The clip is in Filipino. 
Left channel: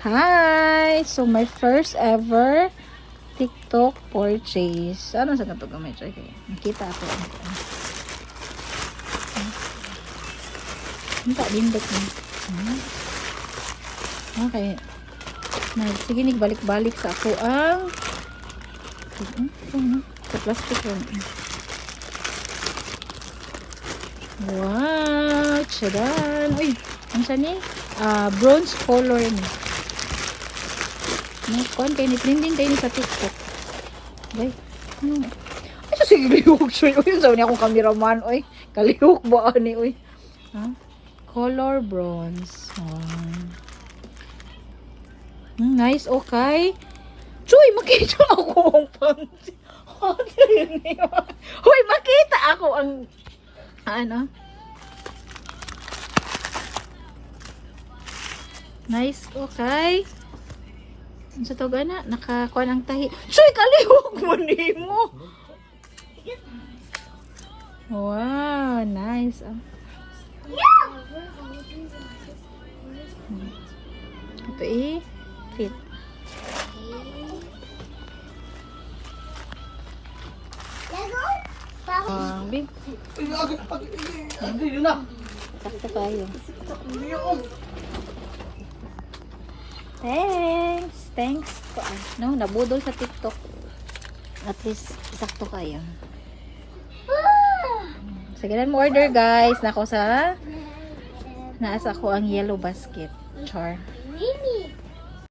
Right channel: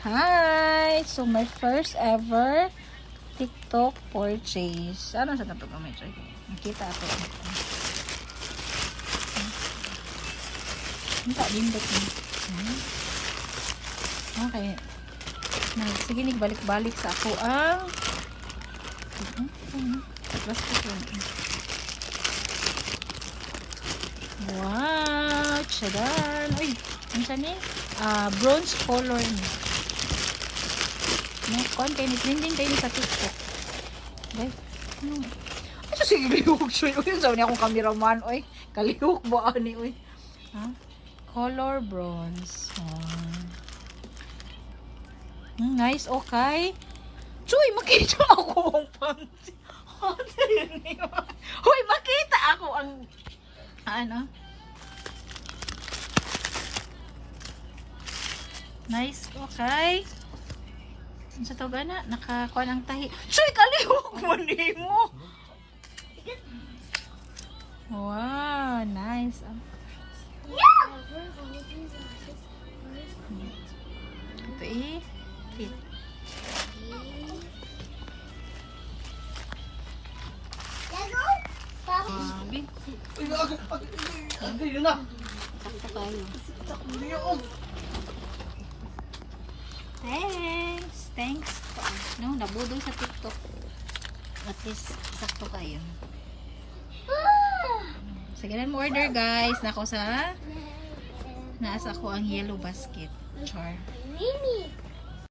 Hi! So, my first ever TikTok purchase. Ano sa ito gamay? Nakita ako. Hindi din dito. Okay. Sige, nagbalik-balik sa ako ang sa plastic lang. Wow! Tchadan! Uy! Ano siya ni? Bronze color ni. Content, trending kayo sa TikTok. Guys, ano? Ano sige lihog? So, yun sa niya akong cameraman. Uy, kalihog ba ani? Uy. Ha? Color bronze. Nice, okay. Chuy, makita ako ang panty. Hoy, makita ako ang ano? Nice, okay. Ano sa to gana? Nakakuha ng tahi. Chuy, kalihog mo nimo. Wow, nice. Ito cute. Big. Sakto kayo. Thanks. No, nabudol sa TikTok. At least, sakto kayo. Sige lang mo order guys. Nasa ko ang yellow basket. Char.